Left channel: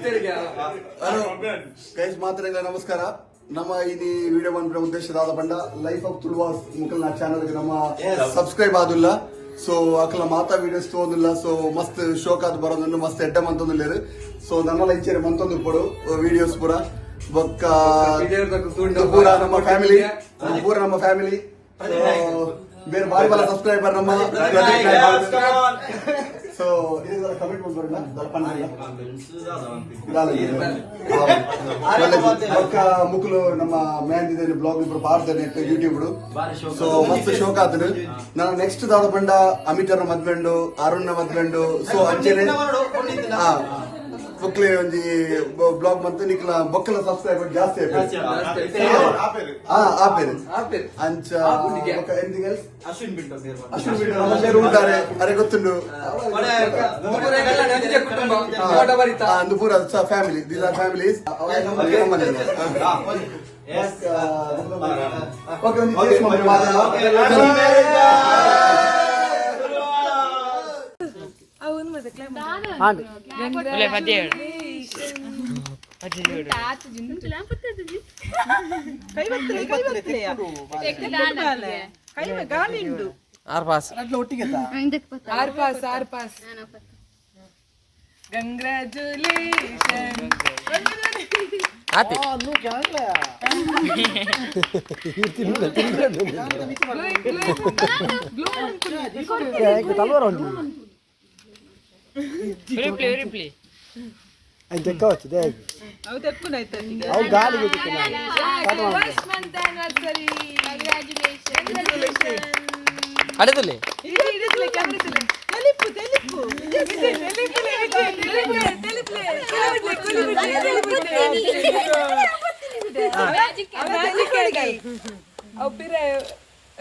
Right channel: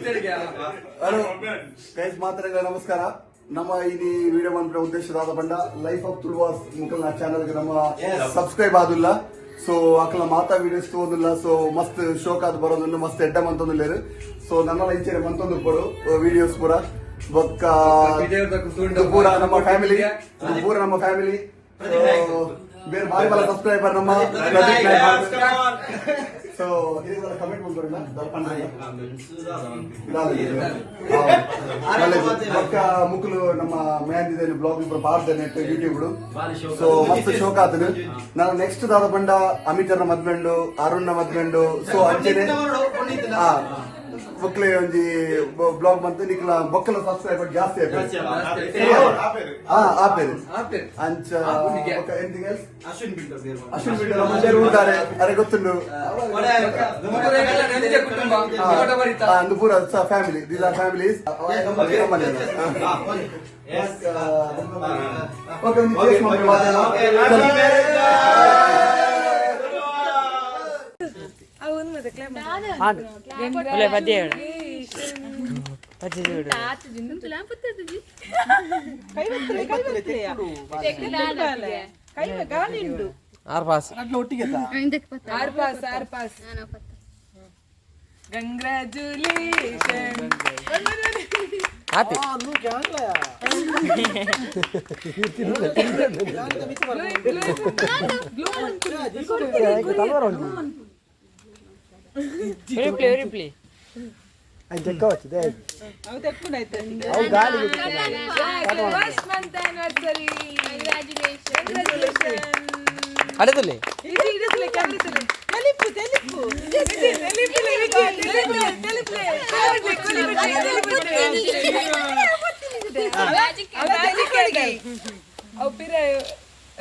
Hello guys, ಮಾತರೆಗಳ ನಮಸ್ಕಾರ. ನಮ್ಮ ಈ ವಿಡಿಯೋ ಬಂದ ಉದ್ದೇಶದ ಬಂಡ ಲೈಫ್ ಆಫ್ ತುಳುವಾಸ್ ಮುಖಲ್ ಚಾನಲ್ ಗೆ ನಮ್ಮ ಸಬ್ಸ್ಕ್ರೈಬ್ ಆದಿಲ್ಲ. ಸೊ ಅಕಲ ಮಾತಾ ವಿಡಿಯೋಸ್ ತೋದಿಲ್ಲ. ಸೊ ಮಸ್ತ್ ಶೋಕ್ ಆದ್ ಬರೋದನ್ನು ಮಸ್ತ್ ಎಡ್ಡ ಮಂತೊಂದಿಲ್ಲೇರು. ಸೊ ನನ್ನೆಲ್ಲ ಇಚ್ಛೆ ಮಂತೊಂದು ಕೊಡು ವಿಡಿಯೋಸ್ ಪೂರ ಬೊಕ್ಕ ಪೂರ ನಮ್ಮ ಫ್ಯಾಮಿಲಿ ಬೇರೆ ಬಾರಿ ಬಲ ಸಬ್ಸ್ಕ್ರೈಬರ್ ನಮ್ಮ ಸೊ ಕಮೆಂಟ್ ಬೊಕ್ಕ ಮುಕ್ಲು ನಮ್ಮ ಮ್ಯಾನ್ ಬ್ಲಾಗ್ ಇಬ್ಬರು ಬಾರ್ದೇನೆ ಯೂಟ್ಯೂಬ್. ಸೊ ಮಸ್ತ್ ಶೋಕ್ ಆತನು. ನಾನು ನೆಕ್ಸ್ಟ್ ದಾದ ಬಂಡ ಅಮಿತರ್ನ ಮದ್ವೆಂಡು, ಅರುಣ್ನ ಮದ್ವೆಂಡು. ಸೊ ಅಂಚೆನೆ ಬೊಕ್ಲೆ ಒಂಜಿ ಬ್ಲಾಗ್ ಬಂತು ನಿಕ್ಲ ಬೊಕ್ಕಲ ಸಬ್ಸ್ಕ್ರೈಬರ್ ಜಾಸ್ತಿ ಆಪೇರು ಅಂಚ ಅಶ್ವಿನ್ ಬಿಟ್ಟು ನಮ್ಮ ಊಟಾರೆ ಅರೆ ಗೊತ್ತುಂಡು ಅಂದು ಪೂರ ಫ್ಯಾಮಿಲಿ. These are families.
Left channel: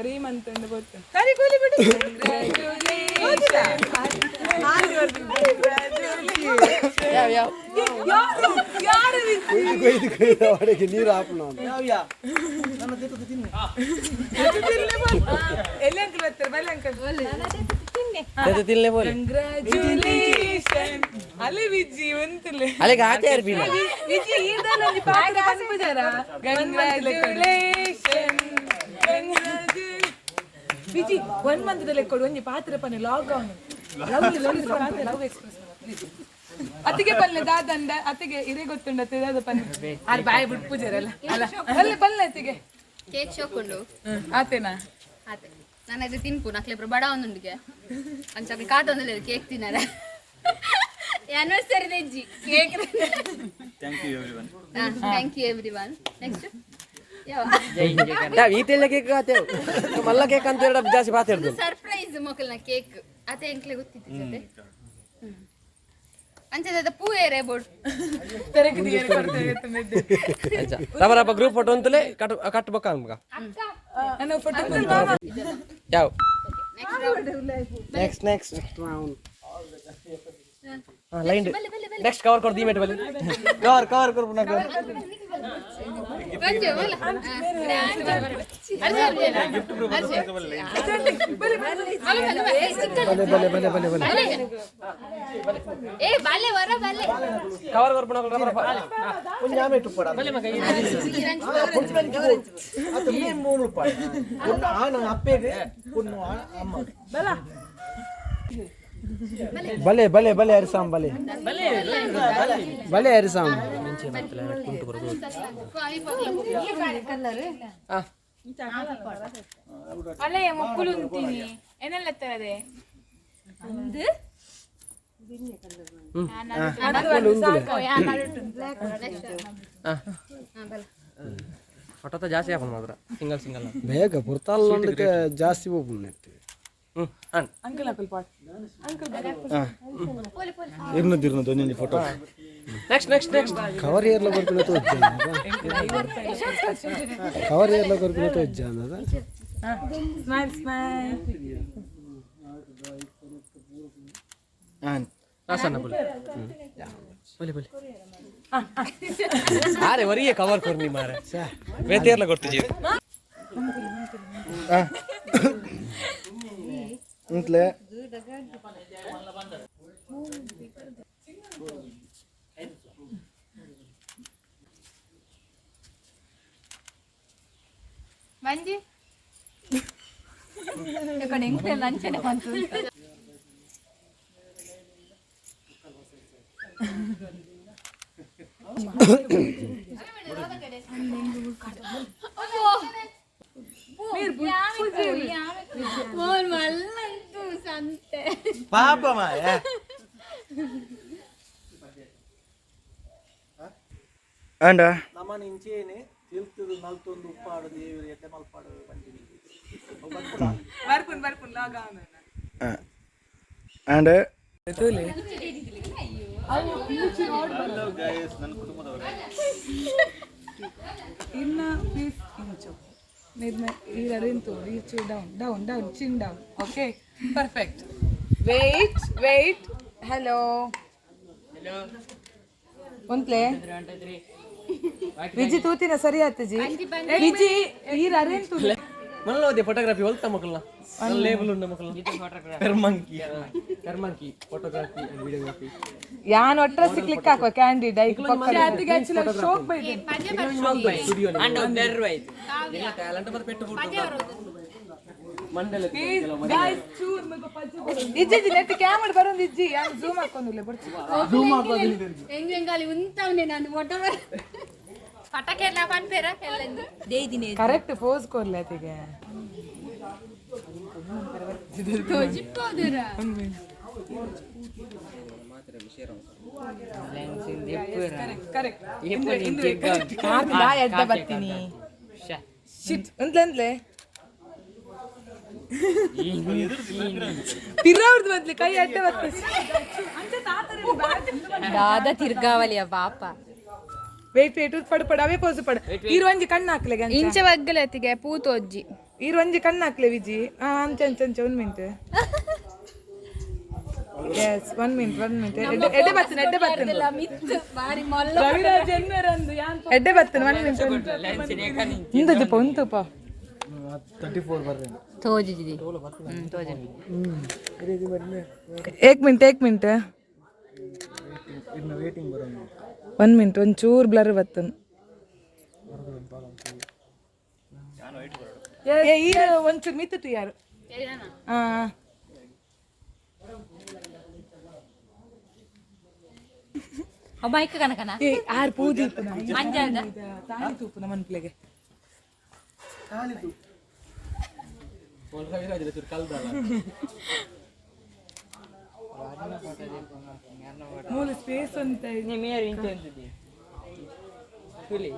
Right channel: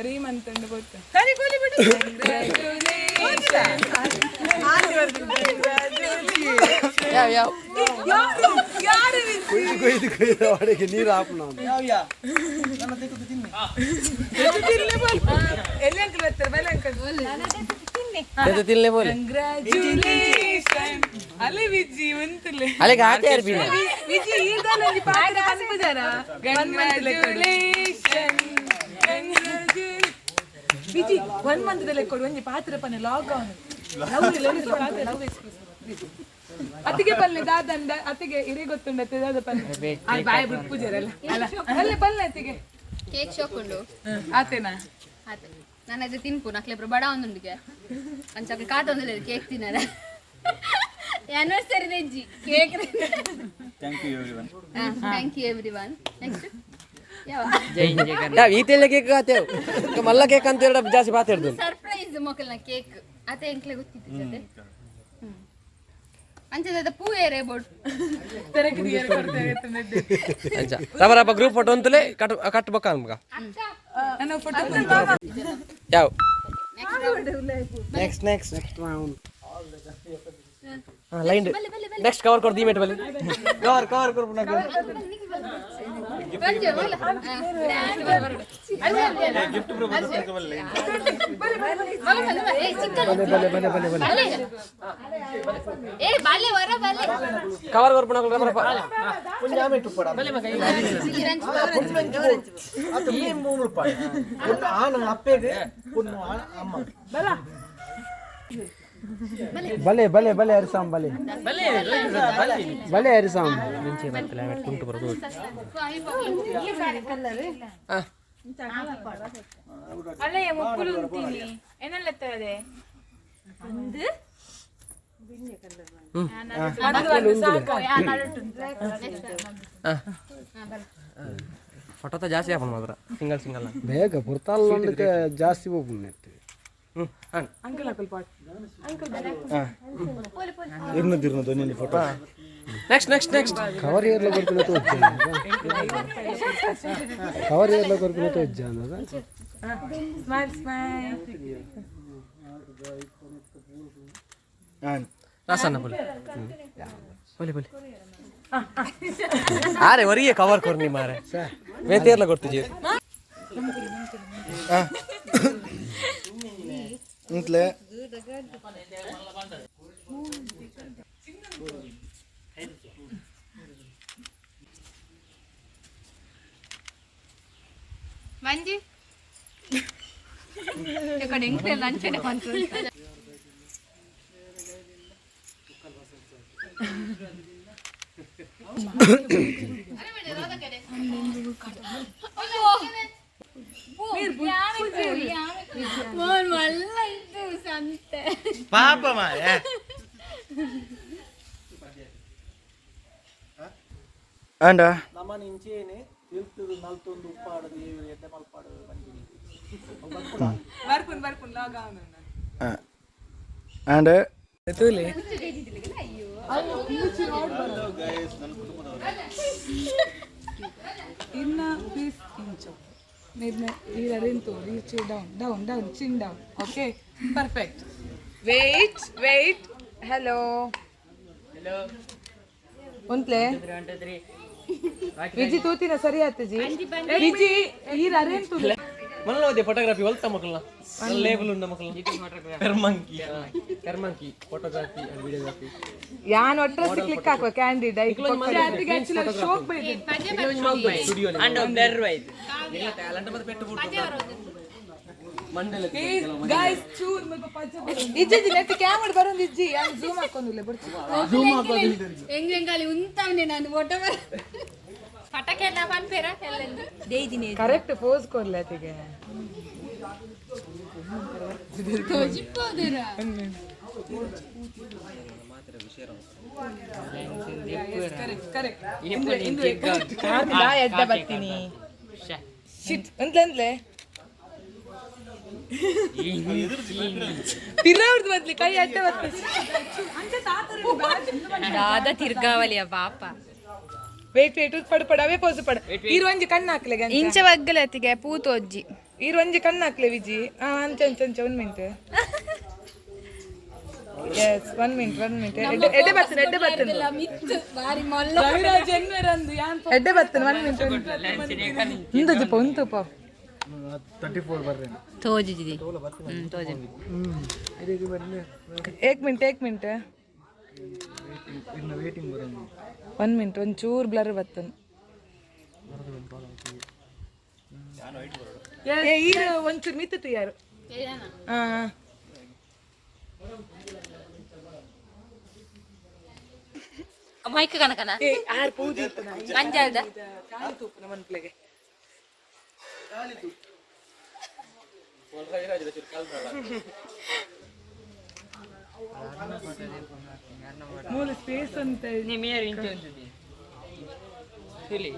ರೀಮಂತಂದು ಗೊತ್ತು ಒಳಗೆ ನೀರು ಹಾಕೋಣ ವಿಜಿ 1 ಮಂತ್ ಕೊಡು ಒಂಜಿ ಪಾತ್ರ ಪನೆ ಲಾಗ್ ಆನ್ ಅತ್ತಿಗೆ ಪಲ್ಲೆ ದಾದಂಡ ಅತ್ತಿಗೆ ಇರೇ ಗೊತ್ತುಂಡತ್ತೆ ದಾದ ಪಲ್ಲೆ ಅಲ್ಲಿ ಬಾಯ ಬಿಟ್ಟು ಪೂಜಾರಲ್ಲ ಅಲ್ಲ ಪಲ್ಲೆ ಅತ್ತಿಗೆ ಕೇಕ್ ಶೋಕುಂಡು ಆತೇನಾ ಆತ ನಾನು ಅದು ತಿನ್ಪು ನಕ್ಲೆ ಬಡ ಒಂದೊಂದಿಗೆ ಅಂಚಕ್ಕೆ ಕಾತೊಂದಿಲ್ಲ ಕೇಕ್ ತಿನ್ನದ ಆನಿವರ್ಸರಿ ನೆಜ್ಜಿ cake thank you everyone next ಈತೆಲ್ಲ ಕೇಕ್ ಆತೇವ್ ಮಲ್ಲ ಕೇಕ್ ಅಂತ ಹೇಳ ಜಾಸ್ತಿ ಮಾತಾಡ್ದು ಸರ್ಪ್ರೈಸ್ ಮೊಕಲ್ನ ಕೇಕ್ ಅತೆ ಎಂಕ್ಲೆ ಗೊತ್ತಿತ್ತು ಜೊತೆ ಅಂಚೆ ಪೂ ಏರೆ ಬೋರ್ಡ್ ರಬ ಗ್ರೂಪ್ ಫೋಟೋ ಅಂತಲೇ ಕಟ್ಬೇಕ ನಮ್ಗ ಯಾವ ನೆಕ್ಸ್ಟ್ ಲೈನ್ ನೆಕ್ಸ್ಟ್ ಕವರ್ कर दी मेट वाले कवर कर पुन्हा गिफ्ट प्रपोज करके वाले लाइन भले ए बाले वरा बाले कवर कर पुन्हा पुन्हा मेट पडा भले मग आता मी बोलू पाड आन अप्पेगे पुन्हा अम्मा बला भले अरिसाम भले अरिसाम ಮುಂಚೆ ಬರ್ತಲ್ಲ ಕುಂಟು ಬರೋದು ಅಲೆ ಮಕ್ಕಳು ಅಂತೀನಿ ಏನಲ್ಲ ತರದೆ ಒಂದು ಫೋಟೋ ಜಾಸ್ತಿ ಹಾಕೋಣ ಮಾತ್ರ ಸಿಂಗಲ್ ಬೇಗ ಬರ್ತಾಲ್ಲೊಂದಕ್ಕೆ ಜಾಸ್ತಿ ಹೋಗ್ಬಿಡ್ನೆ ಅಂಕಲ್ ಪಾಟ್ ಇರ್ನದಿರ್ನದು ನಿನ್ನ ಫೋಟೋ ನೆಕ್ಸ್ಟ್ ಕವರ್ ಏರ್ಲ ಬರ್ಪಿನ ತೋಜ್ಜ ಅನ್ನದ ಸ್ಮೈಲ್ ಆಸನ್ನ बोल अरे वरी कवर कर नहीं मारे वेतेरला ಕೊಡ್ತಿಜಿ ಇಂತಲೇ ಮಂಜಿ ఇక్కడ ఇంట్లో లంచ్ సంతే ಪಾಪಮ್ಮ అండ్ ನಮ್ಮ ನಿಂಚೇನೆ ತಿಳ್ತದು ನಲ್ತೊಂದು ಉಪ್ಪಾಡು ದೇವರು ಎಡ್ಡೆ ಮಲ್ಪಾಡು ಬಂದಿನಿ అండ్ ಹಲೋ ಗೈಸ್ ನನ್ನ ಕುಟುಂಬದವರೇ ಇನ್ನ ಪ್ಲೀಸ್ ಇಂಚು ಈ ಅರಿಂತು reach down chin down okay perfect wait hello ಒಂತ್ಲೆ ವಿಜಿ ತೂತಿನ ಸರಿ ಆತಜಿ ವಿಜಿ ಈ ಅರಿಂತು ಮಲ್ಲೋದೆ ಫೋಟೋಗ್ರಫಿ ಒಲ್ತ ಮಕ್ಕಳನ್ನ ಲೇಬಲ್ ಉಂಡ ಮಕ್ಕಳನ್ನ ಕರ್ಮಂಕಿ ಫೋಟೋಗ್ರಫಿ ಅಂಡ್ ವಿಡಿಯೋಗ್ರಫಿ ಯಾನ್ ಒಟ್ರಸಿ ಕ್ಲಿಕ್ ಹಾಕುವ ಕ್ಯಾಂಡಿಡ್ ಅದಕ್ಕೆ ಆಕ್ಚುಲಿ ಶೋಕ್ ಬೈದೆ ಸ್ಟುಡಿಯೋ ಅಂಡ್ ನೆರ್ವೈತ್ ನಿನ್ನ ಟ್ಯಾಲೆಂಟ್ ಮತ್ತೆ ಪೆಟ್ಟು ಫೋಟೋ ಮಂಡಲ ಗೈಸ್ ಚೂರ್ ಮಗ ಪಜ್ಜ ಇಜ್ಜಿ ನೆಟ್ ಕ್ಯಾಮೆರಾ ಬರೋದು ಇಜ್ಜಿ ಯಾನ್ ಜೂಮ್ ಹಾಕೊಂಡಿಲ್ಲ ಬರ್ತೀನಿ ಎಂಗಾಲಿ ಉಂತವನೆ ನಾನು ಫೋಟೋ ಪಟಾಕೆ ನಾ ಪನ್ಪೇರ ದೇದಿನಿ ಕರೆಕ್ಟ್ ಪೋಸ್ ಕೊರ್ಲೆ ಅತಿಗೆ ತೋಜಿಪ್ಪೋದರ ಕರೆಕ್ಟ್ ಎಡ್ಡ ಬರ್ತೀನಿ ಶಿಟ್ ಅಂತಂದ್ಲೆ ತಿರ್ಗಾವ್ರದ್ದು ಬದ್ಲಿ ಕೈ ಅಡ್ಡ ಬರ್ತದೆ ದಾದ ತಿರ್ಗಾವಲಿಯ ಪಾಪ ವೇಟ್ ಪಡ ಅವೇ ಪೋಸ್ ಪಡ ಈರುವಂಜಿ ಕಣ್ಣು ಹಾಕ್ಲೆಗೆ ಇಂಚ ಒಗ್ಗಲತ್ತಿಗೆ ಪೂತೋಜ್ಜಿ ಈರುವಂಜಿ ಕಣ್ಣು ಹಾಕ್ಲೆ ವಿಜಿ ಅಂಚೆ 1 ಮಿನಿಟ್ ಎಸ್ 1 ಮಿನಿಟ್ ಎಡ್ಡೆ ಬರ್ತೇನೆ ರವಿರಾಜ್ ಎನ್ವರಂದು ಎಡ್ಡೆ ಬರ್ತೇನೆ 1 ಮಿನಿಟ್ ಉಂತುಪ 34 ಬರ್ರೇನು ತೋಜಿದಿ ತೋಜಿ 1 ಮಿನಿಟ್ ಇನ್ನು ವೇಟಿಂಗ್ ಬರೋದು 1 ಮಿನಿಟ್ ಒಂಚೂರು ಬ್ಲರ್ ಬರ್ತನ್ ಈಗ ಒಂಚೂರು ಮಿತ್ತಿತ್ತು ಯಾರು ಮೈಕ್ ಕನಕನ ಆರು ಪೂಜೆ ಮಂಜಾದ ತಾಳಿ ತೂಪು ನಮ್ಮ ಮನ್ಪ್ಲೆಗೆ ಮೂಲ ಸ್ಪೇಸ್ ಅಂತ ನಿಮಿಯರ್ ಇಂಚ ಅಂತಿದೆ ತಿಳಿ